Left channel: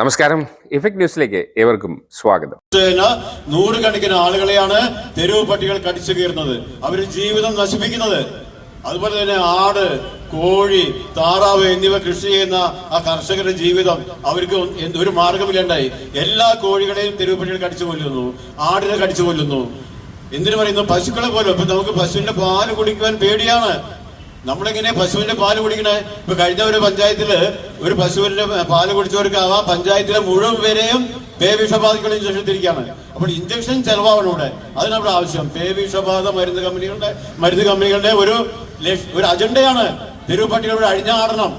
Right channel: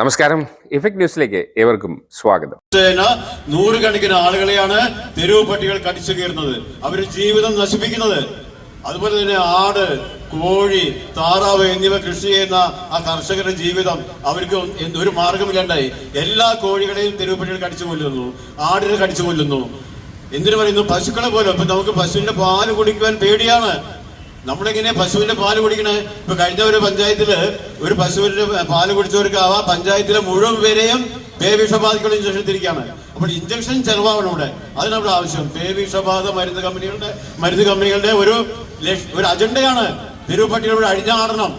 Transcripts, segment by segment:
നമസ്കാരം. ഇഫക്ട് ന്യൂസിലേക്ക് ഏവർക്കും സ്വാഗതം. നൂറുകണക്കിന് ആളുകളെയാണ് തെരുവ് പട്ടികൾ കടിച്ചു കയറുന്നത് അവർ ജീവിതം നശിപ്പിക്കുന്നത്. അതുപോലെ തന്നെ ആട് കോഴി താറാവ് എന്നിവ കൃഷി ചെയ്യുന്ന ആ കർഷകരുടെ ജീവിതം അവർക്ക് ഒരു മാർഗമില്ലാണ്ടായി എല്ലാ കോഴികളെയും തെരുവ് പട്ടികൾ കടിച്ചു കൊല്ലുന്നു. ആടിനെ കടിച്ചു കൊല്ലുന്നു. എന്തിനു പറയുന്നു? പശുക്കളെ പോലും. അപ്പൊ നമുക്ക് പശുവിന്റെ പാൽ കുടിക്കുവാൻ പേടിയാണ്. നമ്മളിങ്ങനെ പശുവിന്റെ പാൽ കുടിക്കണേ. ഇപ്പൊ കഴിഞ്ഞ ഒരു പഞ്ചായത്തിൽ ഒരു പശുവിന്റെ പാൽ കുടിച്ചവർക്ക് ആ പഞ്ചായത്തിലെ മുഴുവൻ പേരെയും പേ ഇഞ്ചക്ഷൻ തിരിക്കുകയാണ് അപ്പോൾ ഇഞ്ചക്ഷൻ ചെലവാകണം ഇവിടെ. അതിനവിടെ ആവശ്യം. പേവിഷബാധ മരുന്ന് കമ്പനികളുടെ മരുന്ന് കമ്പനികളുടെ ഒരു ഒരു അജണ്ടയാണ്. തെരുവുപട്ടികളുടെ അഴിഞ്ഞാടണം.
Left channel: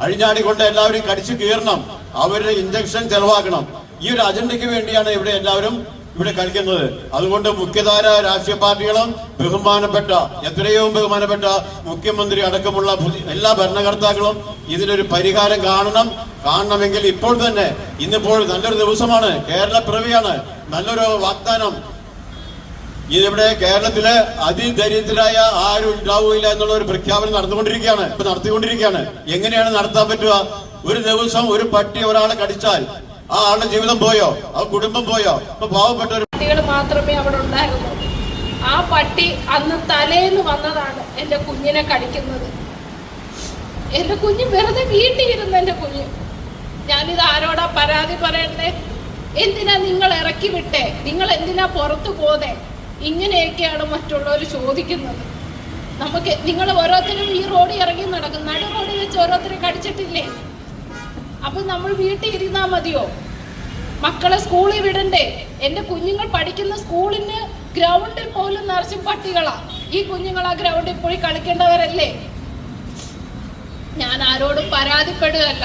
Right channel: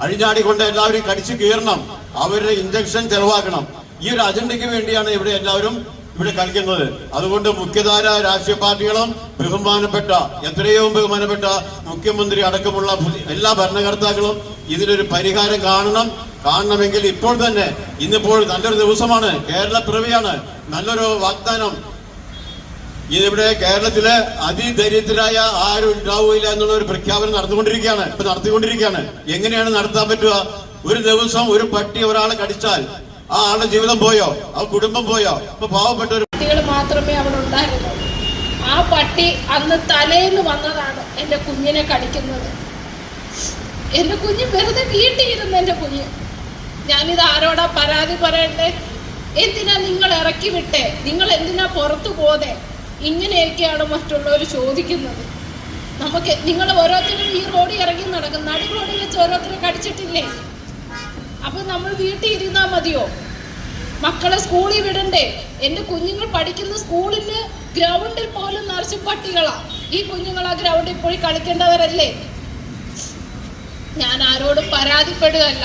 അഴിഞ്ഞാടിക്കൊണ്ട് എല്ലാവരും കടിച്ചു കീറണം. അവരുടെ ഇഞ്ചക്ഷൻ ചെലവാക്കണം. ഈ ഒരു അജണ്ടയ്ക്ക് വേണ്ടിയാണ് ഇവിടെ എല്ലാവരും ഇവിടെ കളിക്കുന്നത് അതുകൊണ്ട് മുഖ്യധാര രാഷ്ട്രീയ പാർട്ടികളും ബഹുമാനപ്പെട്ട എത്രയോ ബഹുമാനപ്പെട്ട മുഖ്യമന്ത്രി അടക്കമുള്ള എല്ലാ ഭരണകർത്താക്കളും ഇതിനൊരു പരിഹാരം കാണണം. കാണണമെങ്കിൽ ഇപ്പോൾ തന്നെ ഇന്നിപ്പോൾ നല്ലൊരു ദിവസമാണ്. കേരള പിറവിയാണ് നല്ലൊരു വാഗ്ദാനം. ഇതിവിടെ കേരളത്തിൽ അതിദരിദ്രരായ ആരും ഉണ്ടാവില്ല എന്നുള്ള ഒരു പ്രഖ്യാപനം നടന്നുകൊണ്ടിരിക്കുകയാണ്. ഇപ്പൊ നടത്തിക്കൊണ്ടിരിക്കുകയാണ്. എങ്ങനെയാണ് നടത്താൻ പറ്റുക? ഒരു ദിവസം ഒരു പട്ടി ഒരാളെ കടിച്ചാൽ ആ ആളുടെ ജീവിതം പോയോ? ആ കുടുംബം പോയോ? ഇപ്പൊ പാവപ്പെട്ട കുട്ടികൾ മാത്രമേ അവിടെ ഉണ്ടായിരുന്നുള്ളൂ. ആ പട്ടി അന്ന് തലേന്ന് വന്നതാണ് എന്റെ കുഞ്ഞിനെ കടിക്കുന്നത്. എന്റെ കുഞ്ഞ് വെറുതെ വീട്ടിൽ ഇരുന്ന് എന്റെ കുഞ്ഞ്. ഞാനിത് ആരോടാ പരാതി പറയണ്ടേ? എന്തിനാ നിങ്ങൾ ഇറക്കി വിട്ടേ? നിങ്ങൾ എന്തിനാ പുറത്തു പോതേ ഇങ്ങനെയൊക്കെയാണ് മറ്റുള്ളവർ ചോദിക്കുന്നത്. നമുക്ക് നിങ്ങൾ ഓരോരുത്തരും ഈ റോഡിൽ ഇറങ്ങി നടക്കും. നടു റോഡിൽ വെച്ച് ഓരോരുത്തരെ കടിച്ചിട്ടില്ലേ? അപ്പൊ നമ്മൾ വീട്ടിൽ ഇരുന്നാ മതിയോ? മക്കളെ സ്കൂളിൽ വിടണ്ടേ? എന്റെ കുഞ്ഞുങ്ങൾ പഠിക്കുന്ന സ്കൂളിന് ഗ്രൗണ്ടിൽ പോലും നിറച്ചും പട്ടികളാ. ഈ കുഞ്ഞുങ്ങൾ ആ ഗ്രൗണ്ടിൽ പോയി കളിക്കേണ്ടവരല്ലേ? ഞാൻ ആരോടും പരാതിപ്പെടുകയല്ല.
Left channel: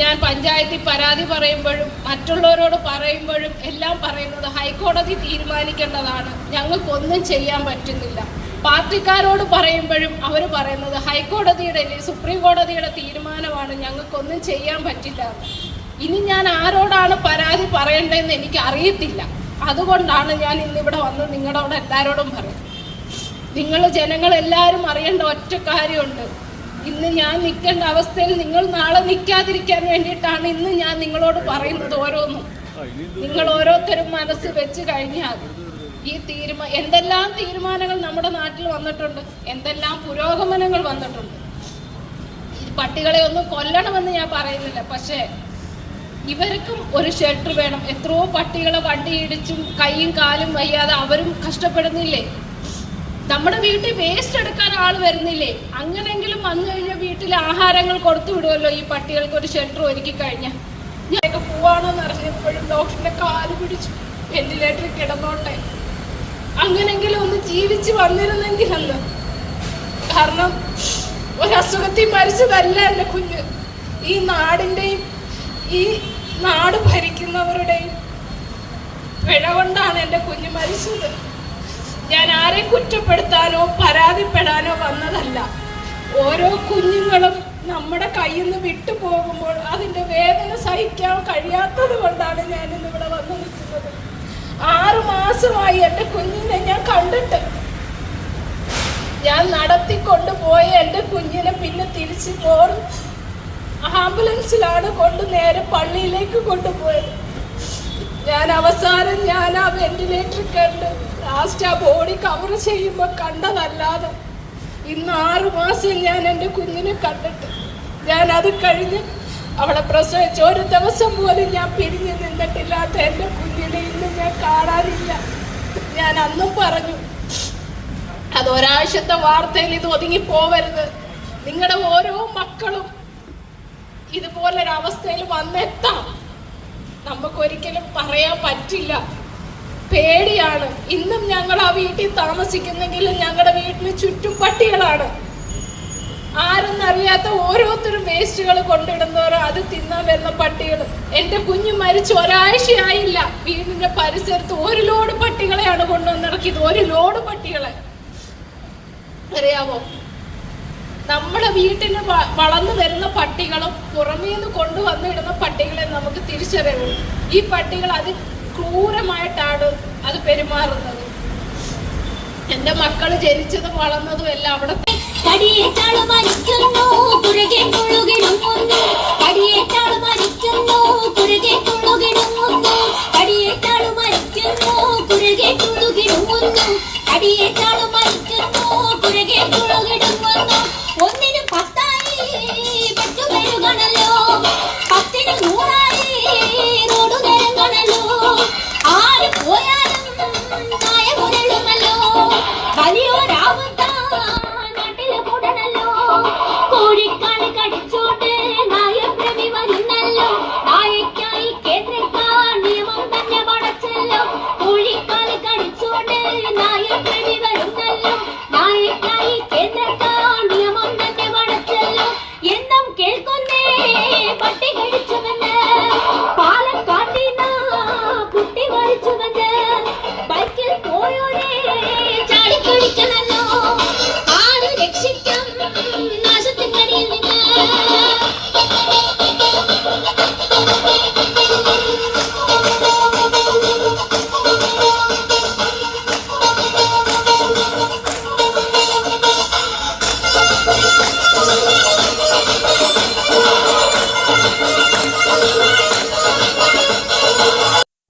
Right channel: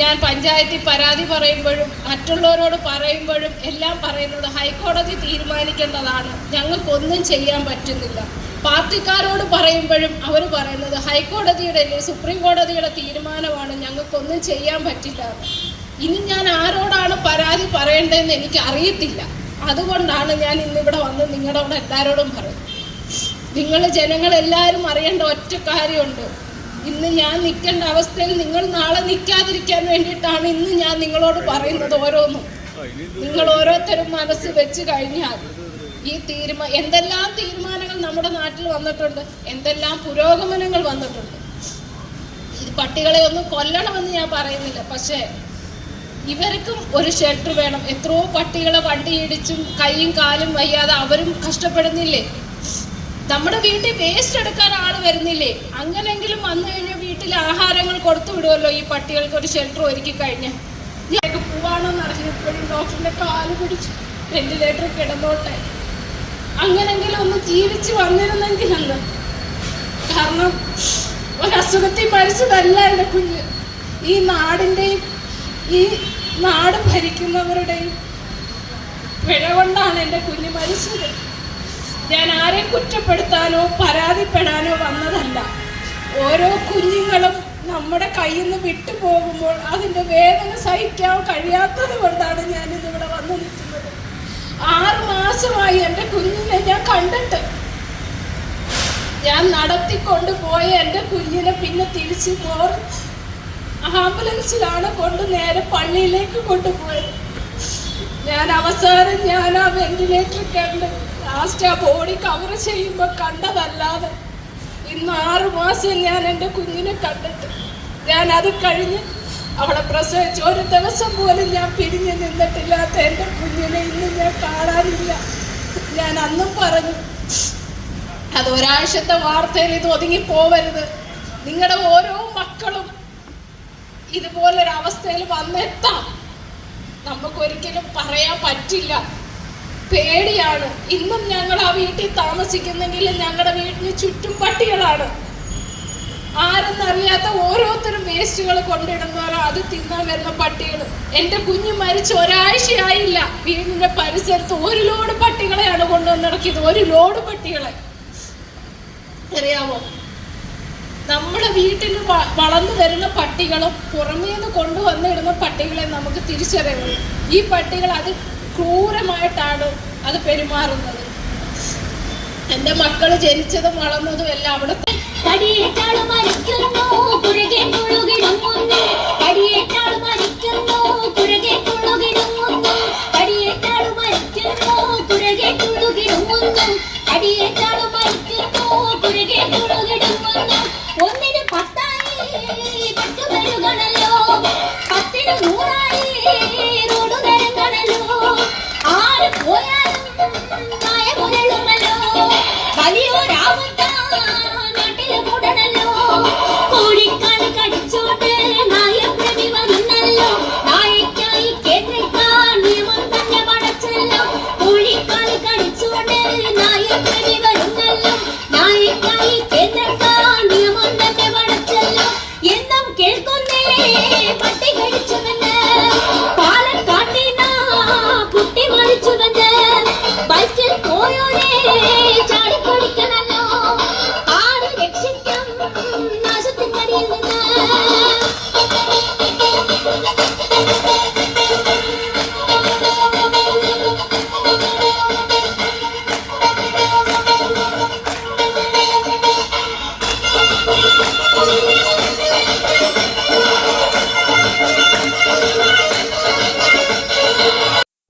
ഞാൻ പഞ്ചായത്തിൽ പരാതി പറയുമ്പോഴും മറ്റുള്ളവരോട് പറയുമ്പോഴും എല്ലാം പറയുന്നത് ഹൈക്കോടതി തീരുമാനിക്കേണ്ടതാണ്. ഞങ്ങൾക്കൊന്നും ചെയ്യാൻ പറ്റുന്നില്ല. പാർട്ടിക്കാരോട് പറയുമ്പോഴും അവർ പറയുന്നത് ഹൈക്കോടതിയുടെ അല്ലെങ്കിൽ സുപ്രീം കോടതിയുടെ തീരുമാനമാണ് ഞങ്ങൾക്കൊന്നും ചെയ്യാൻ പറ്റില്ല ഇനി ഞാൻ ആരോടാണ് പരാതി പറയേണ്ടതെന്ന് എനിക്ക് അറിയത്തില്ല. അതുകൊണ്ടാണ് ഞാൻ ഇന്നിവിടെ വന്ന് നിങ്ങളുടെ എല്ലാവരോടും പറയുന്നത്. നിങ്ങൾ ജനങ്ങളെല്ലാവരും അറിയേണ്ട ഒറ്റ കാര്യമുണ്ട്. ഇന്ന് ഞാൻ നിൽക്കേണ്ട അവസ്ഥയിൽ നിങ്ങൾ നാളെ നിൽക്കാതിരിക്കാൻ വേണ്ടിയിട്ടാണ് ഇന്ന് ഞാൻ നിങ്ങളോട് പറയുന്നത് ഓരോന്നും. നിങ്ങൾ ഓരോരുത്തരും മനസ്സ് വെച്ച് കഴിഞ്ഞാൽ ഈ തീരുമാ എന്തെല്ലാം തീരുമാനങ്ങൾ നമ്മുടെ നാട്ടിൽ വന്നിട്ടുണ്ട് എന്തെല്ലാം പുരോഗമനങ്ങൾ വന്നിട്ടുണ്ട്. ഈ പട്ടികളെ ഒന്നും കൊല്ലണമെന്ന് ഞാൻ പറയുന്നില്ല. പക്ഷേ ഇവർക്കും ഒരു ഷെൽട്ടർ വേണം. എത്രയോ പട്ടികളെ വണ്ടി ഇടിച്ചും കൈയും കാലും വയ്യാതെ അവരും കഷ്ടപ്പെടുന്നില്ലേ? നമ്മുടെ വീട്ടിൽ വേസ്റ്റ് എടുക്കാൻ ആൾ വരുന്നില്ലേ? അങ്ങനെങ്കിലും വന്നു കഴിഞ്ഞാൽ വീട്ടിൽ ആഹാരങ്ങൾ കൊടുത്തു വിടുമല്ലോ ഈ പട്ടികൾക്ക് ഒരു ഷെൽട്ടർ ഒരുക്കി കഴിഞ്ഞാൽ ഞങ്ങൾക്ക് പോവാണെന്ന് അറിഞ്ഞപ്പോഴും ഡോക്ടറിന്റെ കാൽ പിടിച്ചു വെന്റിലേറ്ററിൽ കിടന്നോട്ടെ. അങ്ങനെങ്കിലും ഒന്ന് ജീവിച്ച് വന്നിരുന്നെങ്കിൽ അന്ന് കാരണം ഒരസുഖത്തിൽ മരിച്ചതല്ല എന്റെ കുഞ്ഞ്. ഈ നാടിന്റെയും ഈ നാട് ഭരിക്കുന്നവരുടെയും പിഴ കൊണ്ടാണ് എന്റെ കുഞ്ഞ് മരിച്ചത്. ഞാൻ ആരെ കുറ്റപ്പെടുത്താനോ പരാതിപ്പെടാനോ വന്നതല്ല. ഓരോ കുഞ്ഞുങ്ങളും നമ്മുടെ കയ്യിൽ നിന്ന് വിട്ടു പോകുമ്പോൾ അതിന്റെ വേദന സഹിക്കാൻ കഴിയാത്തത് കൊണ്ടാണ് ഞാൻ ഇന്നിവിടെ വന്നു നിൽക്കുന്നത്. ആറു മാസമായി എന്റെ കുഞ്ഞിനെ ഞാൻ കണ്ടിട്ട്. ഞാൻ നടത്തിക്കൊണ്ട് പോയ എന്റെ കുഞ്ഞിനെ പിന്നെ തിരിച്ചു പോർ ആംബുലൻസിലാണ് കൊണ്ട് നേരെ പള്ളിയിലേക്ക് കൊണ്ടുപോയത്. ഞാൻ അവസാനം ഞാൻ ആ വെന്റിലേറ്റർ കണ്ട് ലാസ്റ്റ് ആ ബോഡി കവർ ചെയ്യുമ്പോൾ കണ്ടതല്ലാതെ ഇന്ന് ആറു മാസം ഞാൻ എന്റെ കുഞ്ഞിനെ കണ്ടിട്ട്. ഞാൻ അത് കഴിഞ്ഞ് അവളെ പ്രസവിച്ച ഒരു ദിവസം പോലും ഞാൻ പിരിഞ്ഞു നിന്നിട്ടില്ലാത്ത എന്റെ കുഞ്ഞിനെ ഇന്ന് ഞാൻ കാണാനില്ല ഞാൻ അന്നും പറഞ്ഞു. അത് ഒരാഴ്ചത്തെ വാർത്തയിൽ ഇത് ഒതുങ്ങി പോവരുത്. നിങ്ങളുടെ ഓരോ മക്കളും ഇതുപോലൊരവസ്ഥയിൽ വന്നെത്താം. നമുക്കൊരിക്കലും പറയാൻ പറ്റില്ല. പേടിയാണ്. ഇന്നും ഞങ്ങൾ ആ വീട്ടിൽ താമസിക്കുന്നെങ്കിലും ഞങ്ങളുടെ വീടിന് ചുറ്റും പട്ടികളാണ്. ആരെന്നറിയാത്ത ഓരോരുത്തരും വേസ്റ്റുകൾ കൊണ്ടിടുന്നവരോ. അത് തിന്നാൻ വരുന്ന പട്ടികൾ എന്റെ കുഞ്ഞ് മരിച്ച് ഒരാഴ്ചയായില്ല. വീടിന്റെ പരിസരത്ത് ഒരു ലോഡ് പട്ടികളെയാണ് കൊണ്ടുവന്നിറക്കിയത് ഒരു ലോഡ് പട്ടികളെ. അറിയാമോ നമ്മുടെ വീട്ടിൽ വളർന്നു വരുന്ന പട്ടികളും പുറമേ നിന്ന് കൊണ്ടുവന്നിടുന്ന പട്ടികളെ നമുക്ക് തിരിച്ചറിയുള്ളൂ. ഈ പട്ടികൾ അത് ക്രൂരമായിട്ടാണ് അത് പെരുമാറുന്നത്. എന്റെ മക്കൾ ജനിച്ചതും വളർന്നതും എല്ലാം അവിടെ കടിയേറ്റാളും മരിക്കുന്നു കുരകെ തുള്ളുകിടുങ്ങുന്നു കടിയേറ്റാളും മരിക്കുന്നു കുരകെ തുള്ളുകിടുങ്ങുന്നു കടിയേറ്റാളും മരിക്കുന്നു കുരകെ തുള്ളുകിടുങ്ങുന്നു കടിയേറ്റാളും മരിക്കുന്നു കുരകെ തുള്ളുകിടുങ്ങുന്നു ഒന്നിന് പത്തായി പെട്ടുവരുകണല്ലോ ready to the